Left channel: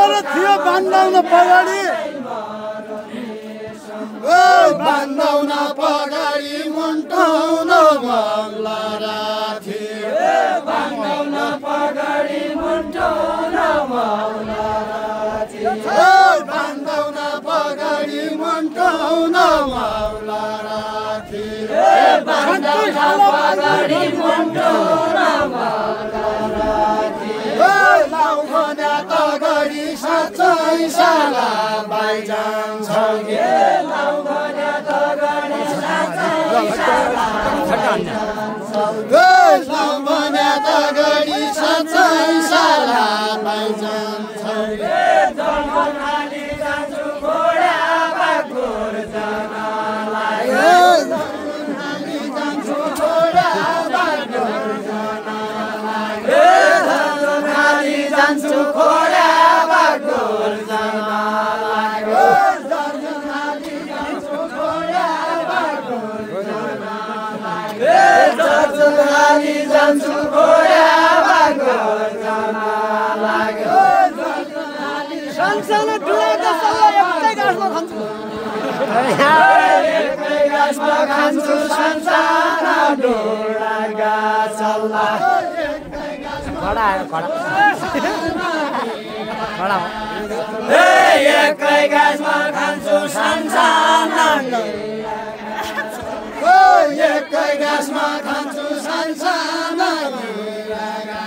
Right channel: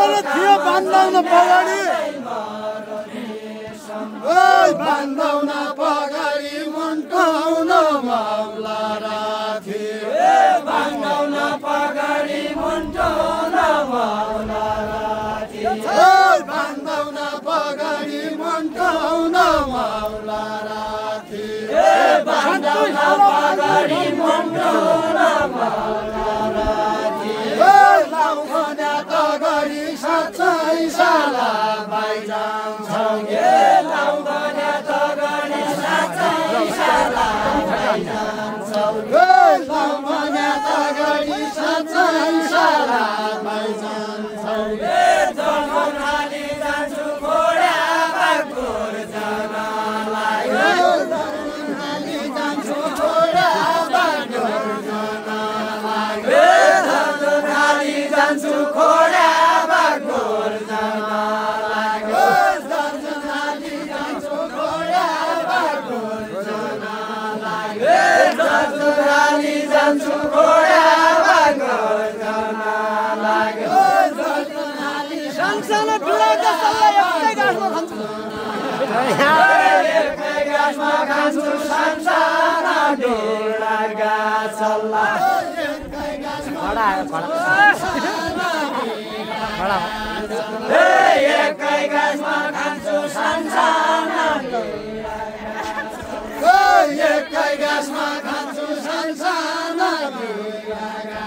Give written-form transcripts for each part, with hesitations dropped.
मेरो थियो बान्दाउन पगाडी ओइ बान्दाउन पगाडी मुन्टाउन माउला राखे बान्दाउन पगाडी मुन्टाउन माउला राखे ओइ बान्दाउन पगाडी मुन्टाउन माउला राखे बान्दाउन पगाडी मुन्टाउन माउला राखे लाउखना तगरी साँच्चै साला बाइजान्छौ लाउखना तगरी साँच्चै साला बाइजान्छौ लाउखना तगरी साँच्चै साला बाइजान्छौ जङ्गलमाली जान्छु घोडामा गोर जानलाई जङ्गलमाली जान्छु घोडामा गोर जानलाई जङ्गलमाली जान्छु घोडामा गोर जानलाई जङ्गलमाली जान्छु घोडामा गोर जानलाई जङ्गलमाली जान्छु घोडामा गोर जानलाई सानसानो डुलाका सल्लाह एकै गाँसमा खान्छु एकै गाँसमा खान्छु सानसानो डुलाका सल्लाह खडा आयो खडा खडा हो एकै गाँसमा खान्छु सानसानो एकै गाँसमा खान्छु सानसानो बिरागा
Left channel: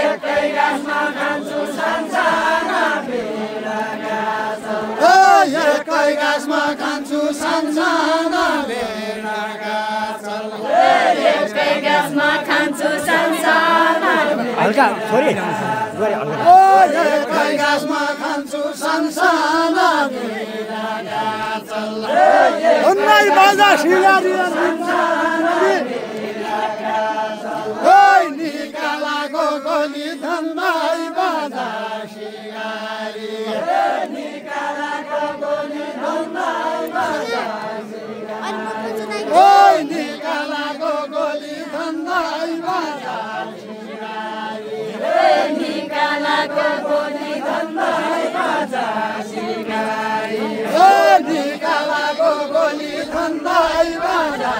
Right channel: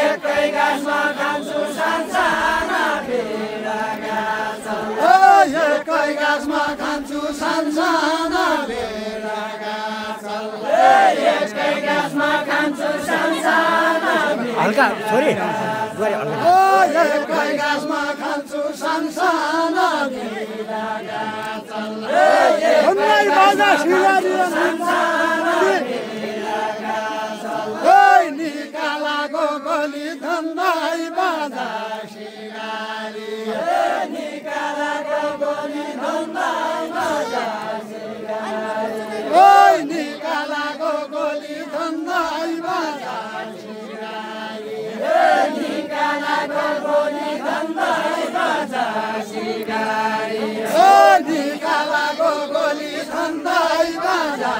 एकै गाँसमा खान्छु सानसानो बिरागा एकै गाँसमा खान्छु सानसानो बिरागा एकै गाँसमा खान्छु सानसानो हल्का छोरी गरे हल्का एकै गाँसमा खान्छु सानसानो बिरागा उन्नाइ बाजा सिगारी ओइ निकालाको गोली धन्दाइ बाजा सिगारी निकालाको गोली धन्दाइ बाजा सिगारी ओइ निकालाको गोली धन्दाइ बाजा सिगारी निकालाको गोली धन्दाइ बाजा सिगारी ओइ निकालाको गोली धन्दाइ बाजा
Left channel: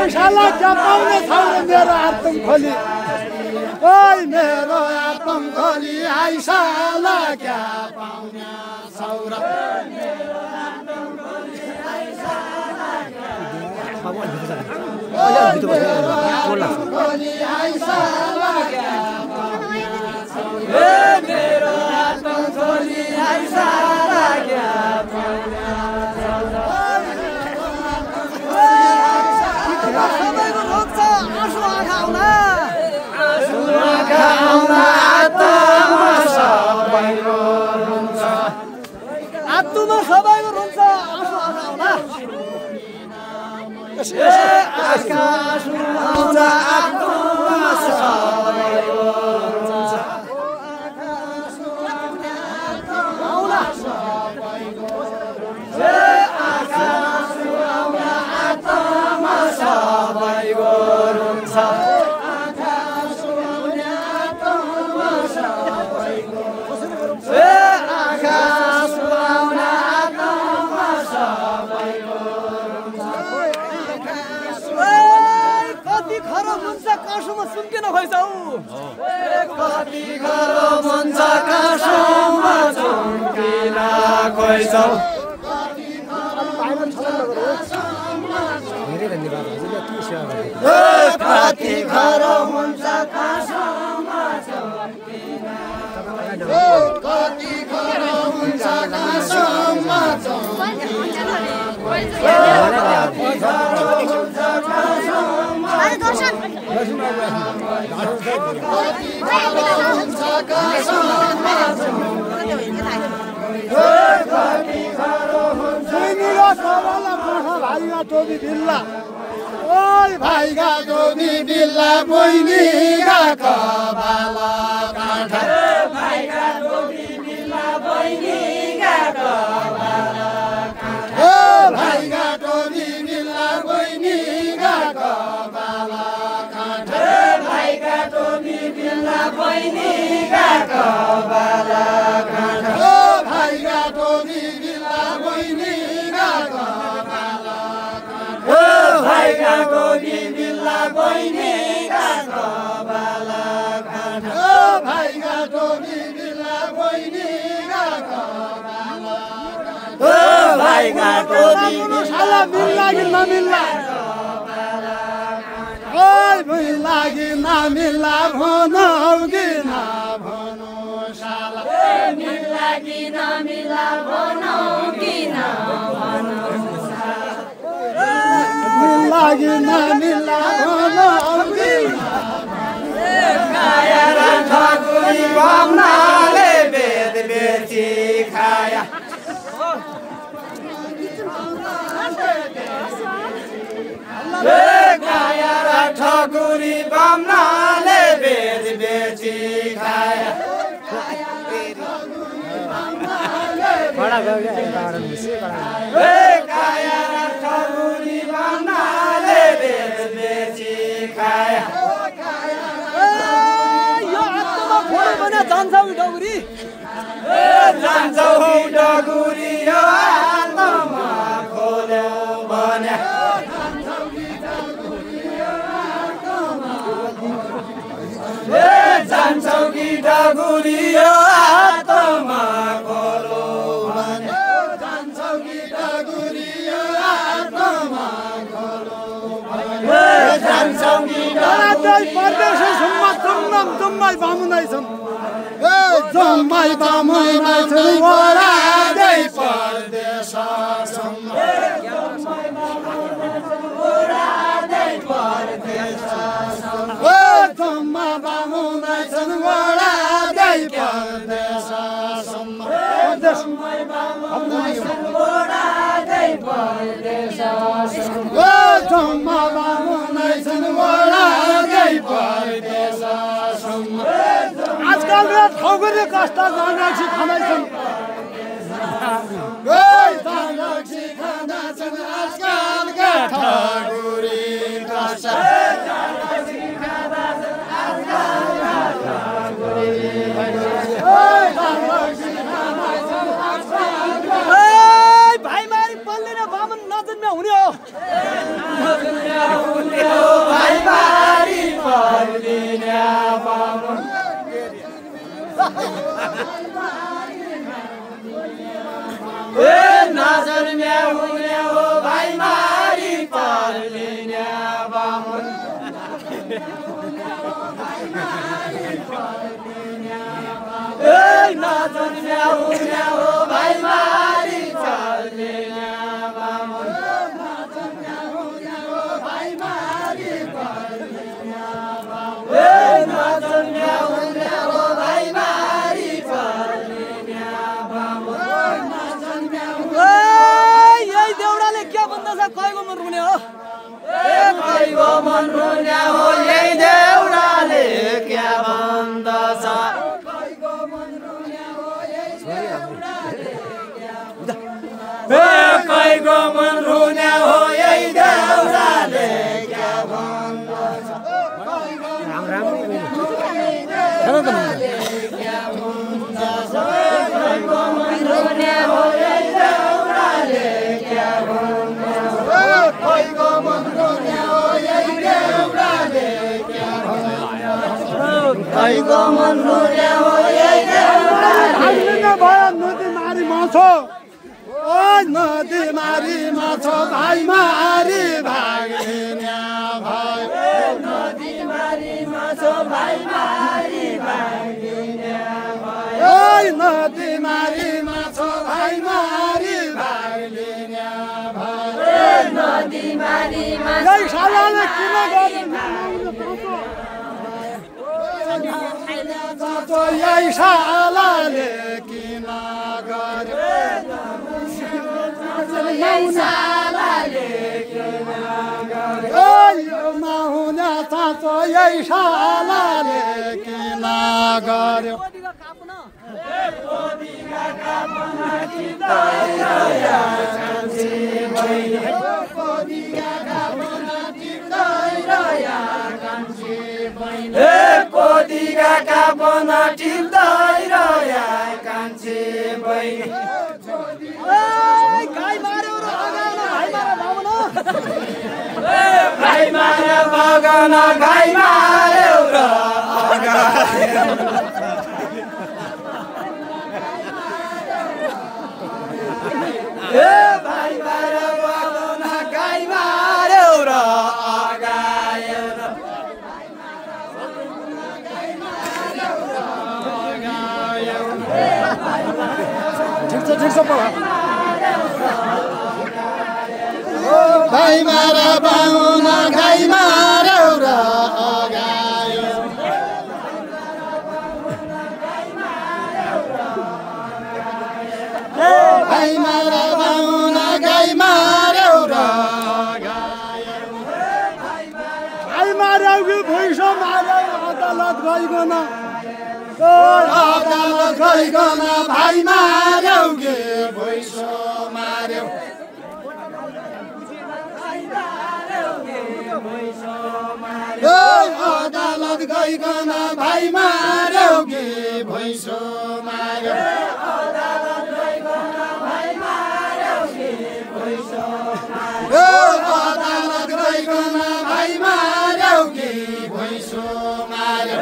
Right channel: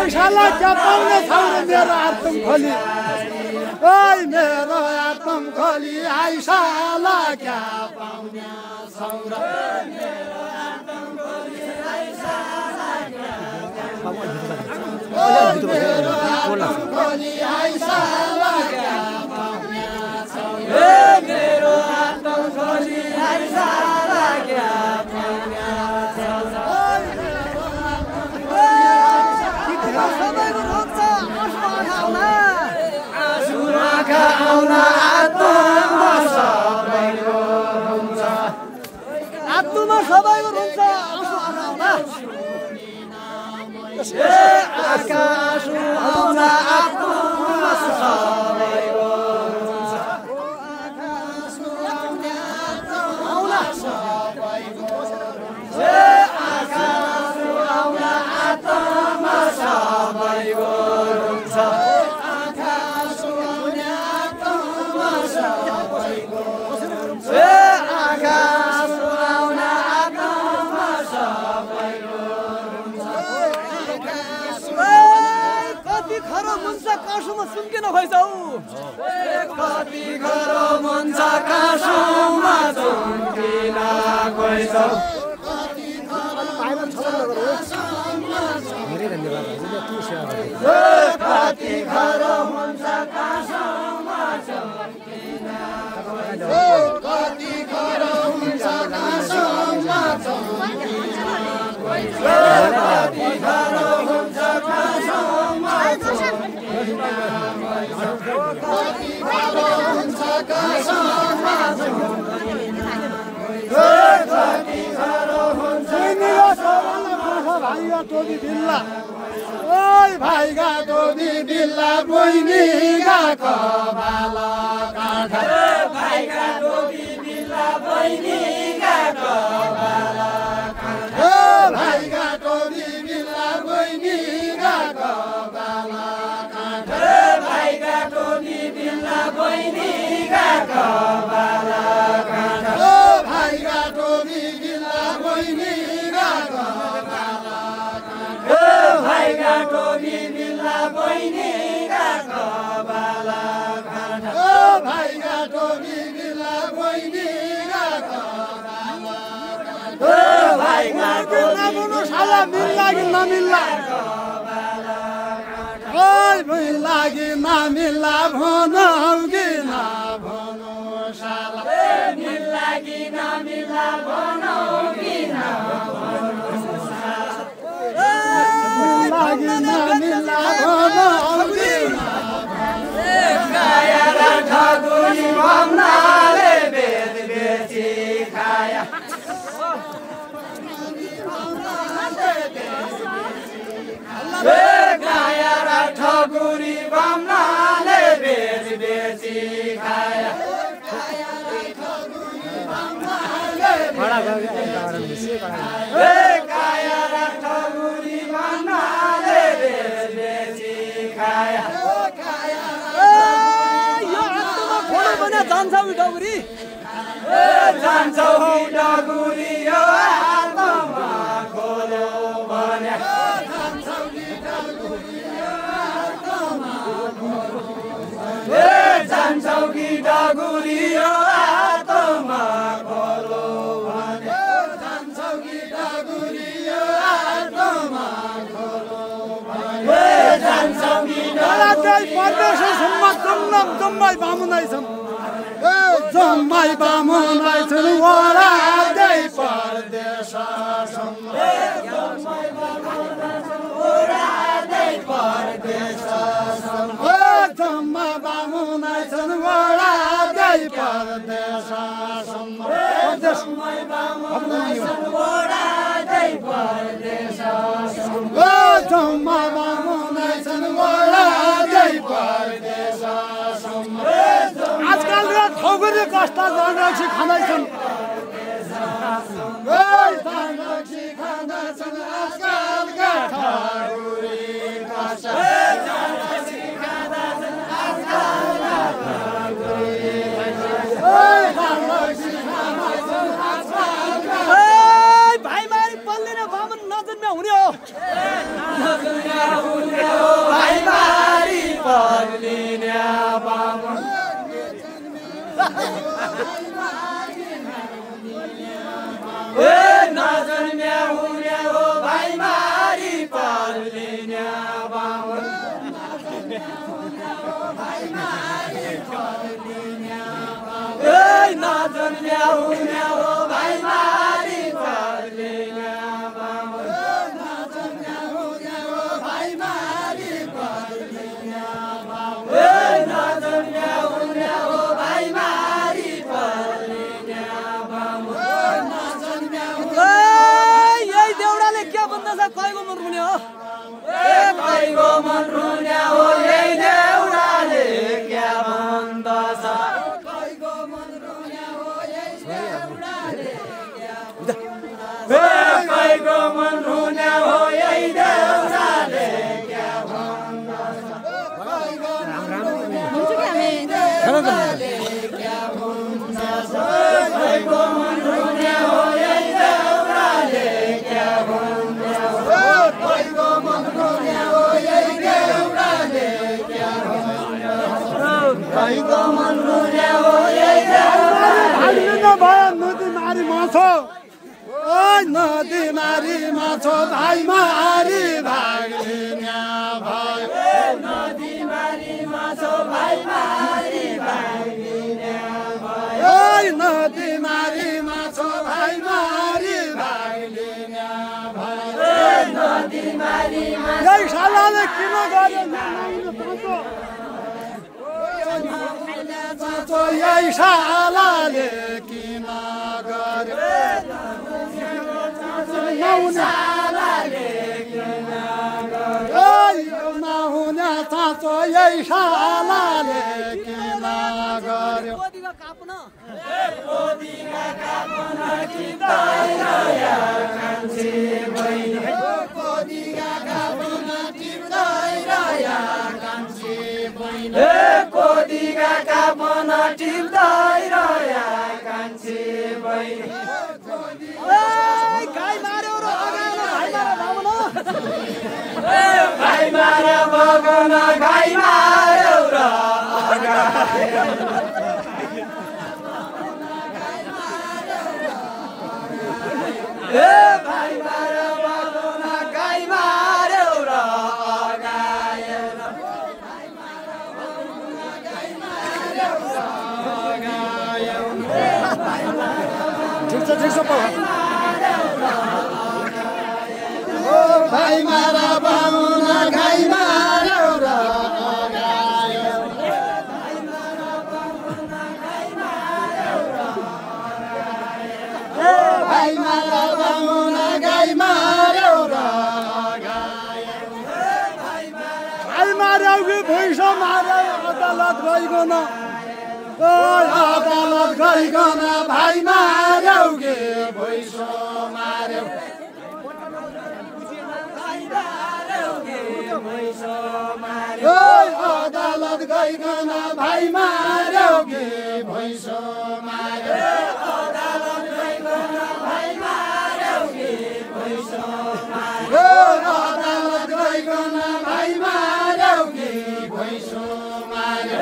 ऐसाला चपाउने छैन मेरो आत्म खोली ओइ मेरो आत्म खोली ऐसाला क्या पाउने छौरा बाबु अलि भित्र अलि भित्र बस्नु कोल लाग्छ खोली ऐसाला मेरो आत्म खोली ऐसाला क्या सबैको रोग छ आँखा आउन आत्मा सबैको रुन्छ आत्मा सबैको रुन्छ आँसु आँखा आउला आँखा आँसु आउन आत्मा सबैको रुन्छ आउला आँखा आँसु आउन आत्मा सबैको रुन्छ आँखा आँसु आउन आत्मा सबैको कति खरो हुन्छ काँसुमा सुम्किन खोइछौ कति खरो हुन्छ काँसुमा चुम्किन खोइछौ धेरै धन्यवाद हजुरले के सेवा गर्नु कति खरो हुन्छ काँसुमा चुम्किन कति खरो हुन्छ काँसुमा भाइगा टोपी बिल्ला ओइ भाइगा टोपी बिल्ला बहिनीगा कबाला काँठा भाइगा टोपी बिल्ला बहिनीगा कबाला ओ भाइगा टोपी बिल्ला बहिनीगा कबाला काँठा भाइगा टोपी मिल्ला बहिनीका कपाला खाना ओ भाइका टोली बिल्ला बहिनीका कपाला खाना ओ भाइका टोली मिल्ला बहिनीका कपाला खाना ओ भाइका टोली बिल्ला बहिनीका कपाला ओ भाइका टोली साला मिल्ला कि नमिल्ला ओइ मिल्ला कि नमिल्ला भनौ कि नभनौ साला मिल्ला कि नमिल्ला भनौ कि नभनौ मिल्ला कि नमिल्ला भनौ कि खाया र ठगुरी भम्नाले बेद बेची खाया खाया र ठगुरी भम्नाले बेद बेची खाया खाया र ठगुरी भम्नाले बेद बेची खाया यो आत्मा खोलो भने जान्छ उही डगुरी जान्छौ डगुरी यो आत्मा खोलो भने जान्छौ कि डगुरी यो आत्मा खोलो भने जान्छौ कि डगुरी यो आत्मा खोलो जान्छौ कि जम्मै बामुनै छन् जम्मै बामुनै छन् वडा जय परदेश जम्मा बामुनै छन् वडा जय परदेश जम्मा बामुनै छन् वडा जय परदेश आजकल र ठगुरी कस्ता जानरक्सी खाँदैछन् जानरक्सी खाँदैछन् आजकलका ठगुरी कस्ता भाइ मारी पल्लिने बामन नजन्म्या हुने हो भाइ मारी पर्लिने बामन नजन्म्या हुने हो भाइ मारी पर्लिने बामन नजन्म्या हुने हो भाइ मारी पर्लिने बामन नजन्म्या हुने हो भाइ मारी पर्लिने बामन यही देउडाले क्या भन्दछ कहीको मन रुने हो कहीको मन रुने हो यही देउडाले क्या भन्दछ कहीको मन रुने हो यही देउडाले क्या भन्दछ क्या भन्दछ कहीको मन रुने हो यही देउडाले क्या भन्दछ कहीको मन रुने हो यही देउडाले क्या भन्दछ कहीको मन रुने हो यही देउडाले भयो नदी मारी माछो ओ नदी मारी माछो भाइ मारी भाग्ने भयो नदी मारी माछो भाइ मारी भाग्ने ओ नदी मारी माछो भाइ मारी भाग्ने भयो नदी मारी यही सालाले किन गर्यो यही सालाले किन गर्यो नहुने चाँचो यही सालाले किन गर्यो कोदीका टिप्दै रह्या कान्छी बहिनी गाई मार्यो र अगाउन भाइ मार बाबुन भाइ मार बगाउन गाई मार्यो र अगायो भाइ मार बगाउन गाई मार्यो र ठिक छ भाइ मार बाहुन गाई मार्यो र अगायो भाइ मार बाहुन गाई मार्यो र भाइ मार्यो कि भैँस मार्यो अदालत गइकन अदालत गइकन भाइ मार्यो कि भैँस मार्यो अदालत गइकन भाइ मार्यो कि भैँस मार्यो अदालत गइकन भाइ मार्यो कि भैँस मार्यो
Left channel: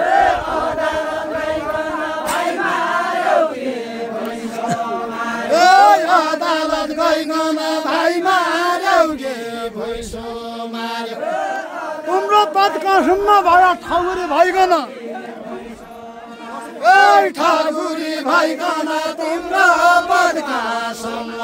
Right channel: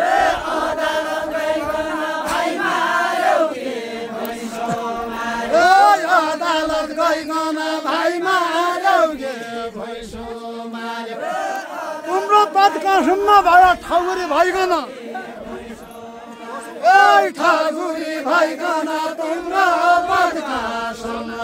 अदालत गइकन भाइ मार्यो कि भैँस मार्यो तिम्रो तत्कासम्म भयो ठगुरी भइकन ठगुरी भइकन तिम्रो तत्कासम्म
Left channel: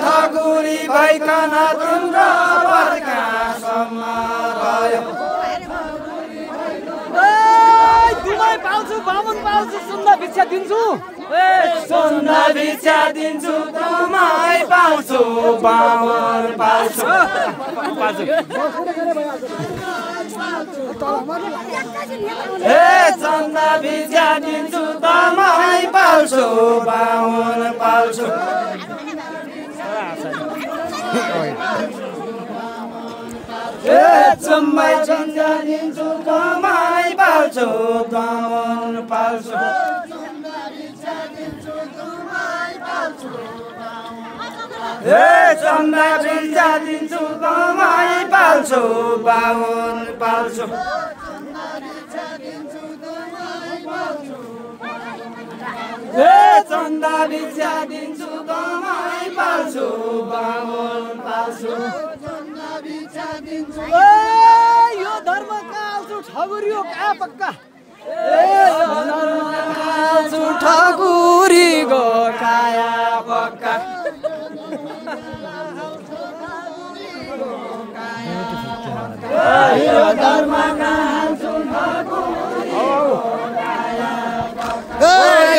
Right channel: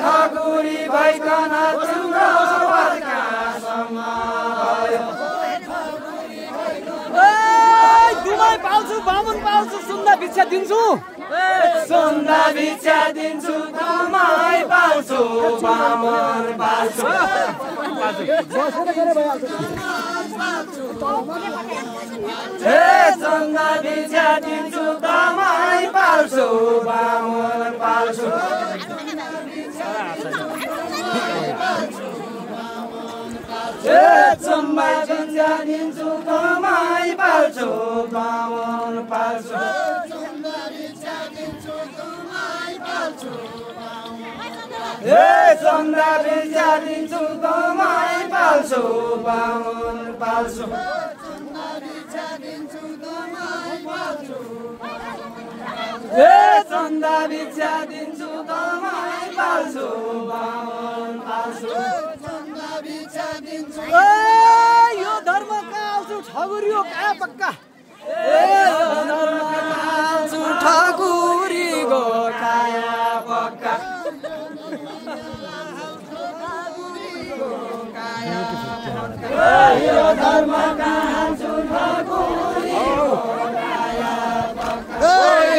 ठाकुरी भइकन तिम्रो दुमाई पाल्छु बामुन पाल्छु सुन्दा भिक्षा दिन्छु सुन्दा भिक्षा दिन्छु दुमाई पाल्छु बामुन पाल्छु सुन्दा भिक्षा दिन्छु दुमाई पाल्छु बामुन पाल्छु चुम्बा चुन्जा दिन्छु कमाई पाल्छु बामुन पाल्छु चुम्बा चुन्जा दिन्छु कमाई पाल्छु बामुन पाल्छु चन्दा भिक्षा दिन्छु कमाई पाल्छु बामुन पाल्छु यो धर्म काल्छु ठगुरी हो कहाँ पक्का ठगुरी गो काया पक्का यो धर्म काल्छु ठगुरी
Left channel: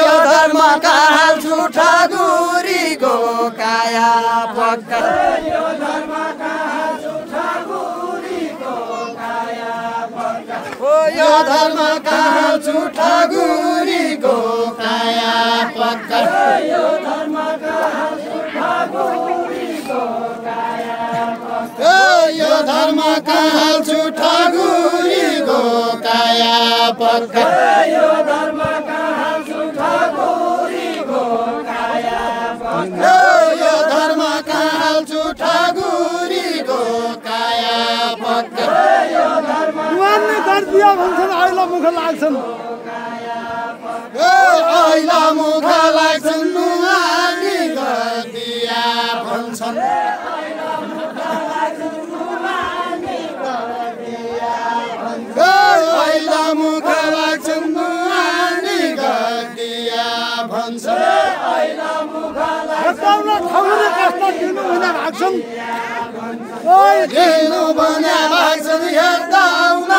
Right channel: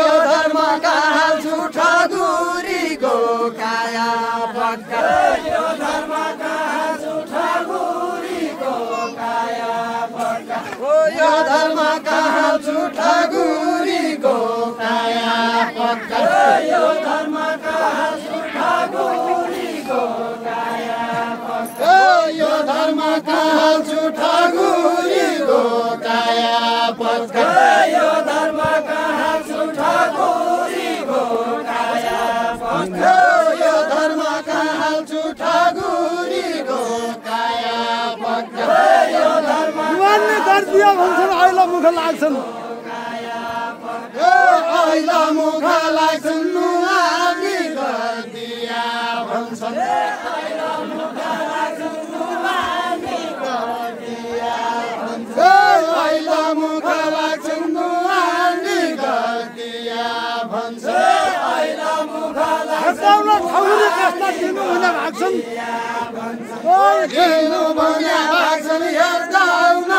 यो धर्म काल्छु ठगुरी गो काया पक्का यो धर्म काल्छु ठगुरीको काया पक्का यो धर्म काल्छु ठगुरीको काया पक्का यो धर्म काल्छु ठगुरीको काया पक्का यो धर्म काल्छु ठगुरीको काया पक्का यो धर्म काल्छु ठगुरीको काया पक्का यो धर्म गरिदियो भन्छन् अहिले मुख लाग्छन् अहिले मुख लाग्छन् मुहानी गरिदिया भन्छन् अहिले मुख लाग्छन् मुहानी गरिदिया हेर्दाउन ठगुरी कस्ता दिनु हुने भाग्छन् दिनु भने भाग्छन् हेर्दाउन